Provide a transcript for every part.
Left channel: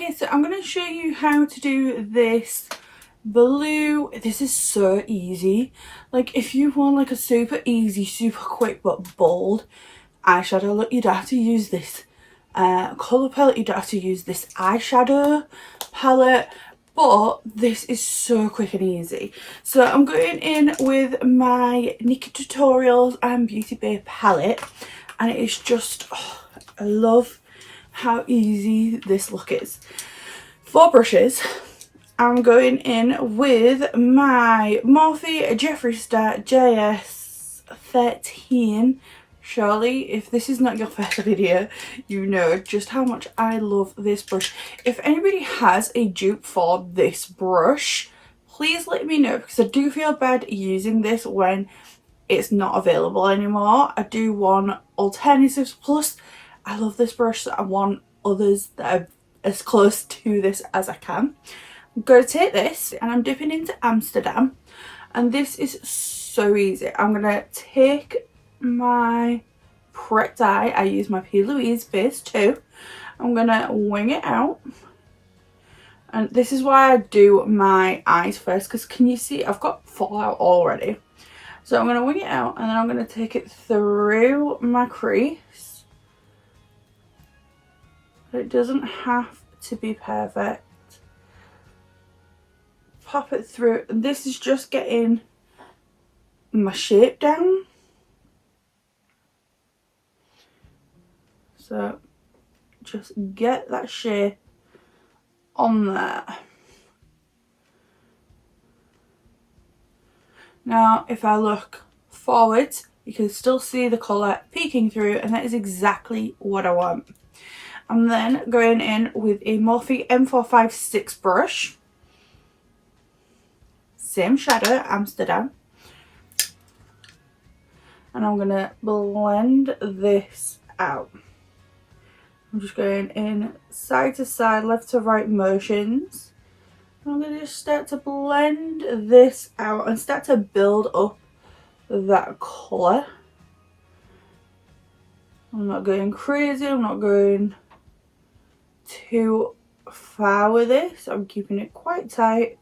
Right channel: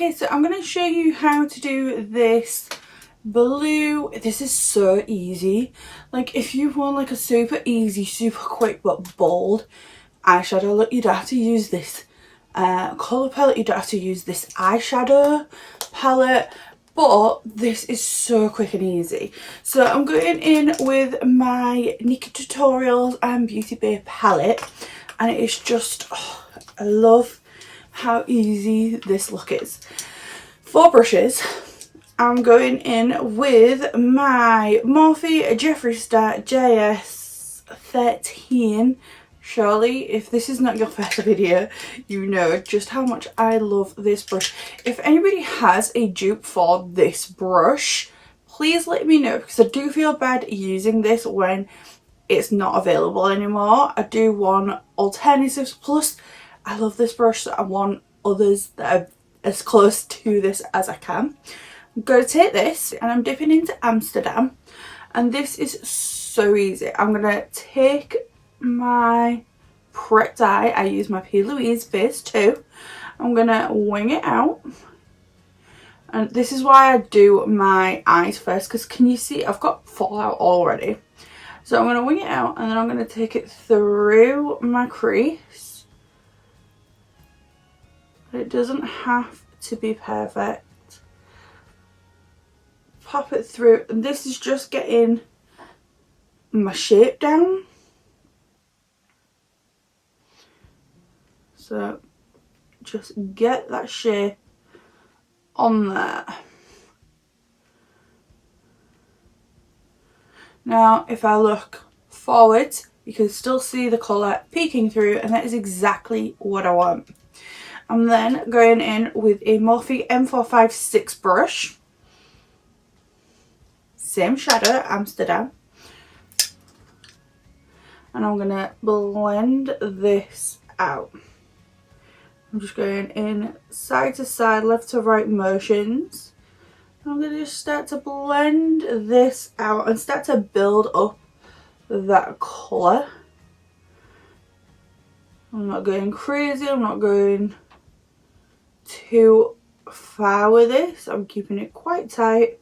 Okay, so I'm going to show you how to do this blue. This is so easy. Like, if you want like a super easy, super quick but bold eyeshadow look, you don't have to use this colour palette, you don't have to use this eyeshadow palette, but this is so quick and easy. So I'm going in with my nikkietutorials and beautybay palette, and it is just, oh, I love how easy this look is. For brushes, I'm going in with my Morphe Jeffree Star JS13. Surely, if this is not your first video, you know just how much I love this brush. If anybody has a dupe for this brush, please let me know, because I do feel bad using this when it's not available anymore. I do want alternatives, plus I love this brush, so I want others that are as close to this as I can. I'm going to take this and I'm dipping into Amsterdam, and this is so easy. I'm going to take my prepped eye. I use my P. Louise Phase 2. I'm going to wing it out, and this is why I do my eyes first, because can you see I've got fallout already. So I'm going to wing it out, and then I'm going to take it through my crease. It doesn't have to be perfect. Pop it through, and this is just getting my shape down. So just get that shape on there. Now if I look forward, you can still see the colour peeking through, and that is exactly what I want. I'm then going in with a Morphe M456 brush. Same shadow, Amsterdam. And I'm going to blend this out. I'm just going in side to side, left to right motions. I'm going to just start to blend this out and start to build up that colour. I'm not going crazy, I'm not going too far with this. I'm keeping it quite tight.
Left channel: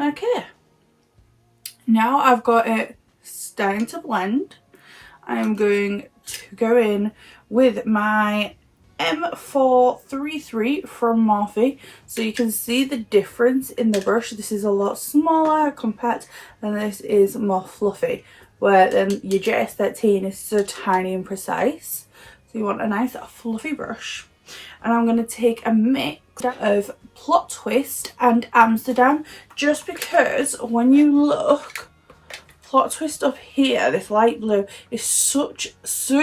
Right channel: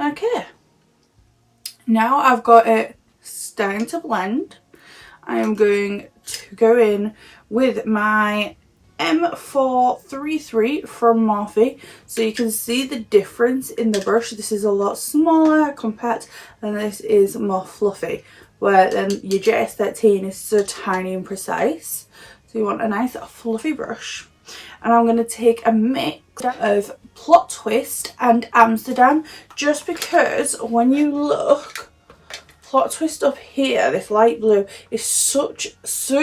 Okay, now I've got it starting to blend. I am going to go in with my M433 from Morphe, so you can see the difference in the brush. This is a lot smaller compact, and this is more fluffy, where then your JS13 is so tiny and precise. So you want a nice fluffy brush. And I'm going to take a mix of Plot Twist and Amsterdam, just because when you look, Plot Twist up here, this light blue, is so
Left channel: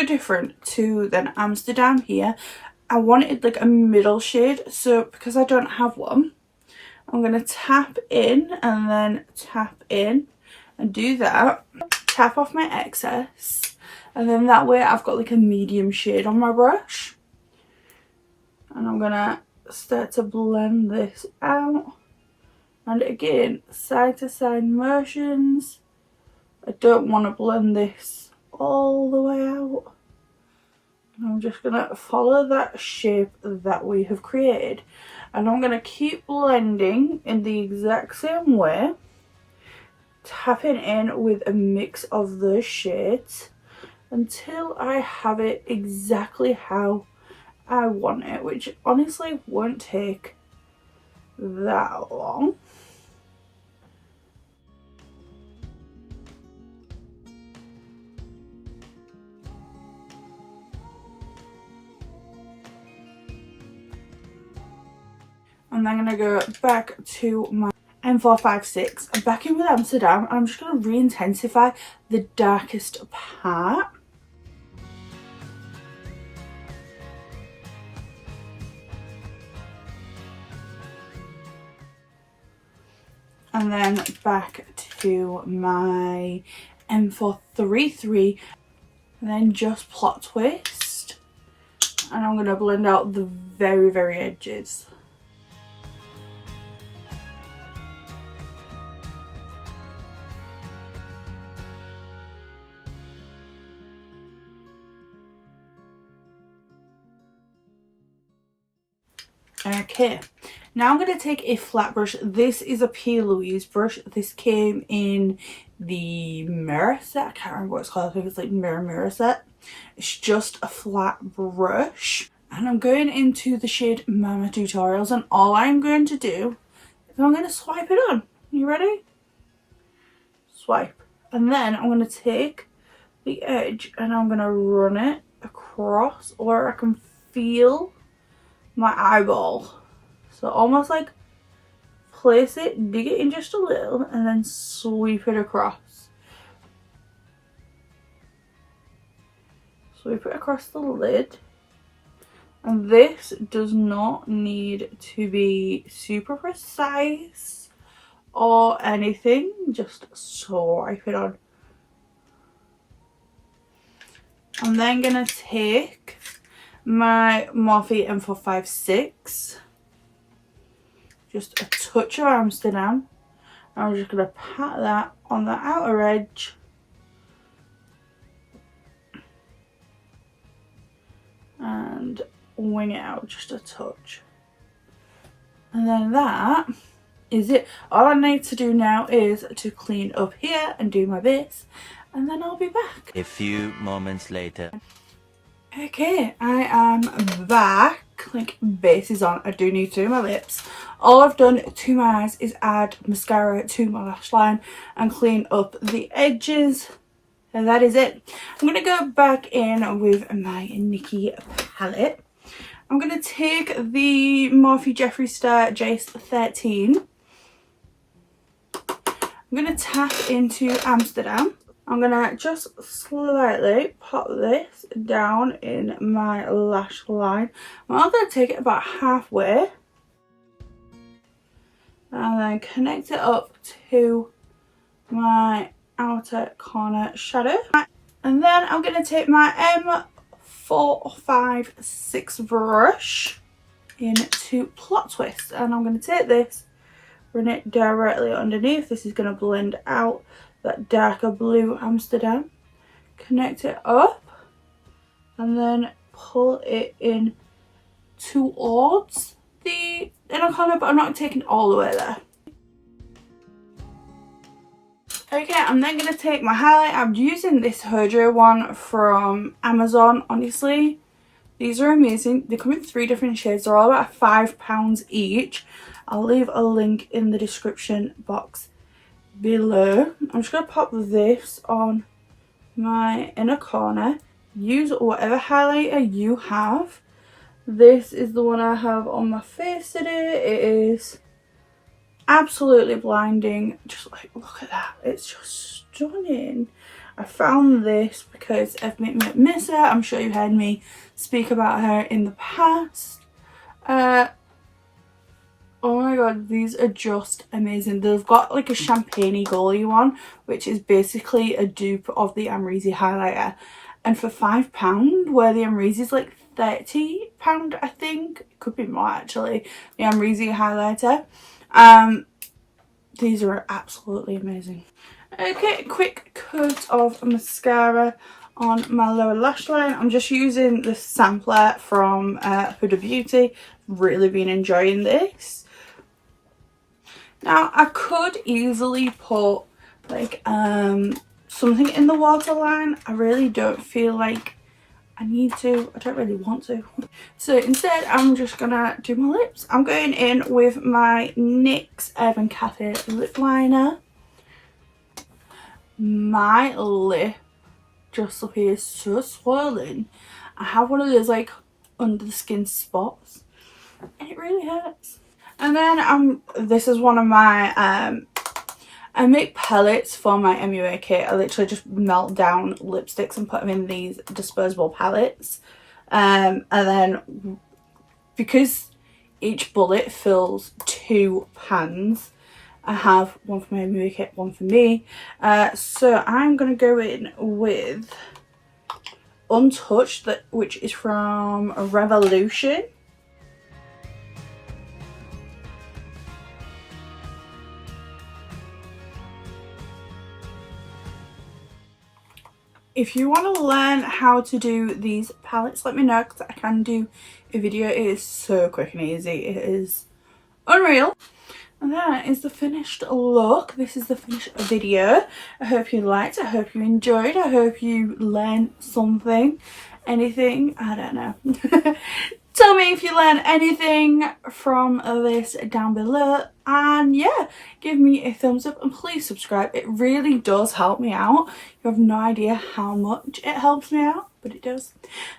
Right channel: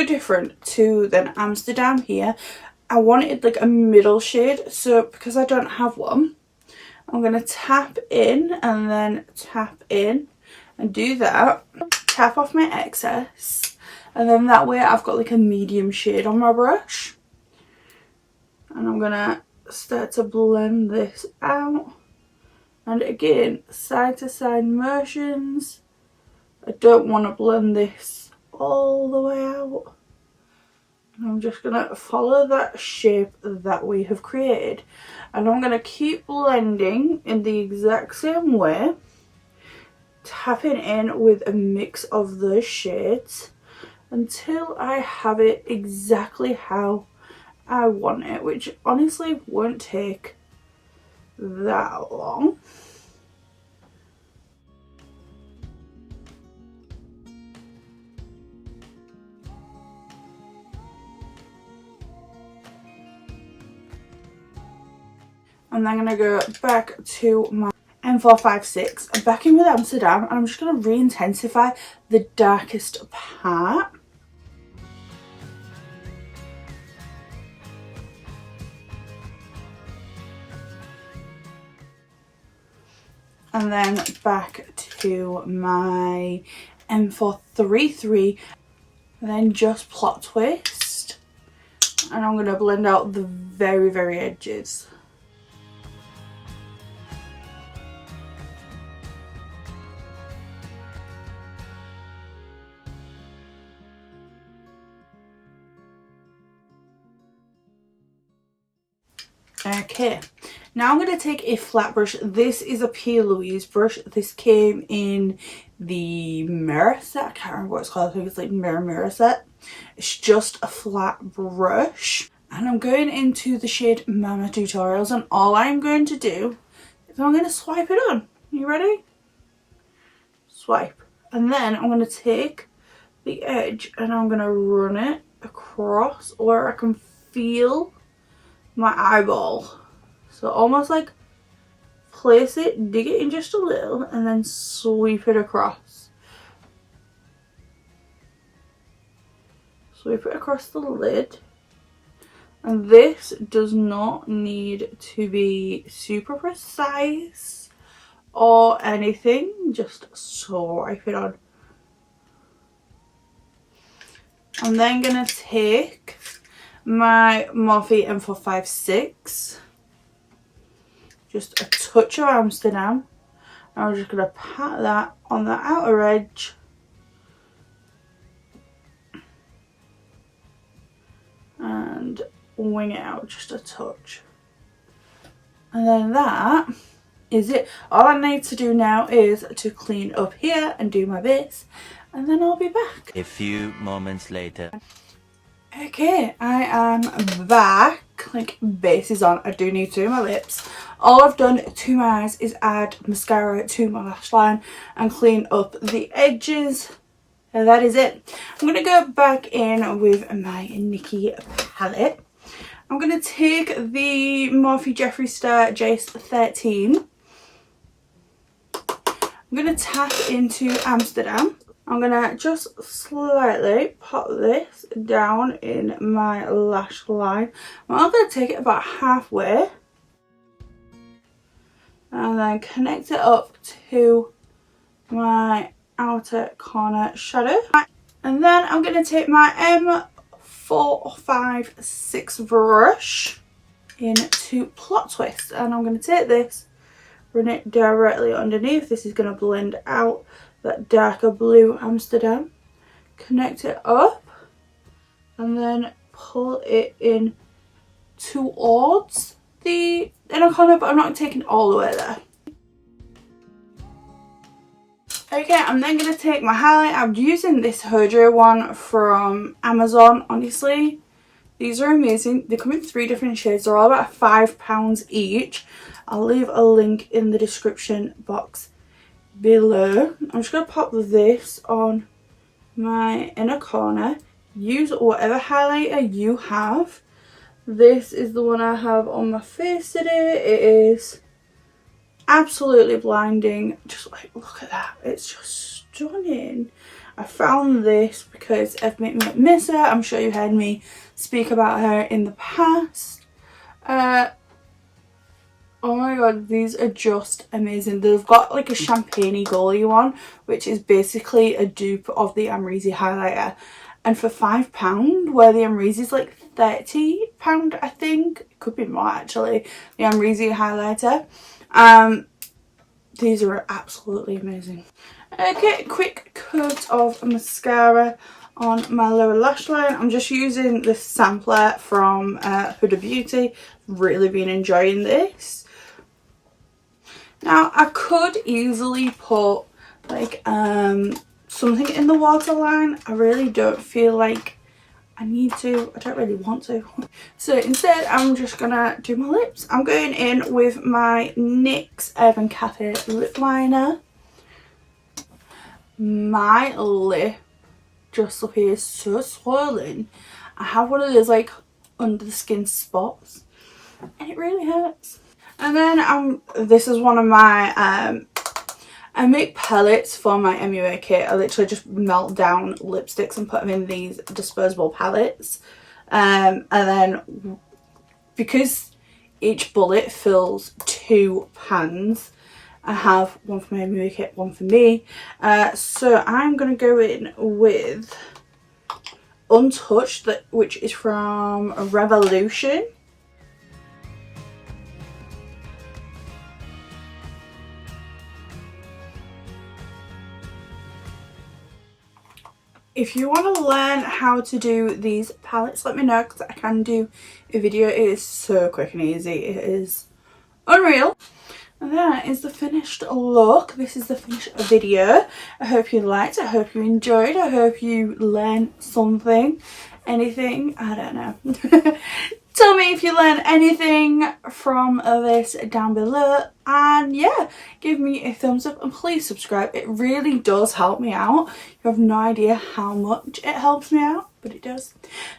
different to than Amsterdam here. I wanted like a middle shade, so because I don't have one, I'm going to tap in and then tap in and do that. Tap off my excess, and then that way I've got like a medium shade on my brush. And I'm gonna start to blend this out, and again side to side motions. I don't want to blend this all the way out. I'm just gonna follow that shape that we have created, and I'm gonna keep blending in the exact same way, tapping in with a mix of those shades until I have it exactly how I want it, which honestly won't take that long. And then I'm going to go back to my M456 and back in with Amsterdam, and I'm just going to re-intensify the darkest part. And then back to my M433, and then just Plot Twist, and I'm going to blend out the very edges. Okay, now I'm going to take a flat brush. This is a P. brush. This came in the mirror set. I can't remember what it's called. I think it's like mirror set. It's just a flat brush. And I'm going into the shade Mama Tutorials. And all I'm going to do is I'm going to swipe it on. You ready? Swipe. And then I'm going to take the edge and I'm going to run it across where I can feel my eyeball. So almost like place it, dig it in just a little, and then sweep it across. Sweep it across the lid. And this does not need to be super precise or anything, just swipe it on. I'm then gonna take my Morphe M456, just a touch of Amsterdam. I'm just gonna pat that on the outer edge. And wing it out just a touch. And then that is it. All I need to do now is to clean up here and do my base, and then I'll be back. A few moments later. Okay, I am back. Like, base is on. I do need to do my lips. All I've done to my eyes is add mascara to my lash line and clean up the edges. And that is it. I'm going to go back in with my Nikkie palette. I'm going to take the Morphe Jeffree Star Jace 13. I'm going to tap into Amsterdam. I'm going to just slightly pop this down in my lash line. I'm going to take it about halfway. And then connect it up to my outer corner shadow. And then I'm going to take my M456 brush into Plot Twist. And I'm going to take this, run it directly underneath. This is going to blend out that darker blue Amsterdam. Connect it up. And then pull it in towards the inner corner, but I'm not taking it all the way there. Okay, I'm then going to take my highlight. I'm using this Hojo one from Amazon. Honestly, these are amazing. They come in 3 different shades. They're all about £5 each. I'll leave a link in the description box below. I'm just going to pop this on my inner corner. Use whatever highlighter you have. This is the one I have on my face today. It is absolutely blinding. Just like, look at that. It's just stunning. I found this because of Miss her. I'm sure you heard me speak about her in the past. Oh my god, these are just amazing. They've got like a champagne-y goalie one, which is basically a dupe of the Amrezy highlighter. And for £5, where the Amrezy is like £30, I think. It could be more actually. The Amrezy highlighter. These are absolutely amazing. Okay, quick coat of mascara on my lower lash line. I'm just using the sampler from Huda Beauty. Really been enjoying this. Now I could easily put like something in the waterline. I really don't feel like I need to. I don't really want to. So instead I'm just gonna do my lips. I'm going in with my NYX Urban Cafe lip liner. My lip just appears so swollen. I have one of those like under the skin spots and it really hurts. And then this is one of my I make pellets for my MUA kit. I literally just melt down lipsticks and put them in these disposable pellets. And then because each bullet fills 2 pans, I have one for my MUA kit, one for me. So I'm going to go in with Untouched, which is from Revolution. If you want to learn how to do these palettes, let me know, because I can do a video. It is so quick and easy. It is unreal. And that is the finished look. This is the finished video. I hope you liked it. I hope you enjoyed. I hope you learned something. Anything. I don't know. Tell me if you learned anything from this down below. And yeah, give me a thumbs up and please subscribe. It really does help me out. You have no idea how much it helps me out, but it does.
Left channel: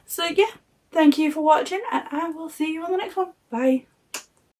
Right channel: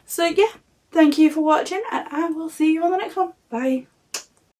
So yeah, thank you for watching and I will see you on the next one. Bye.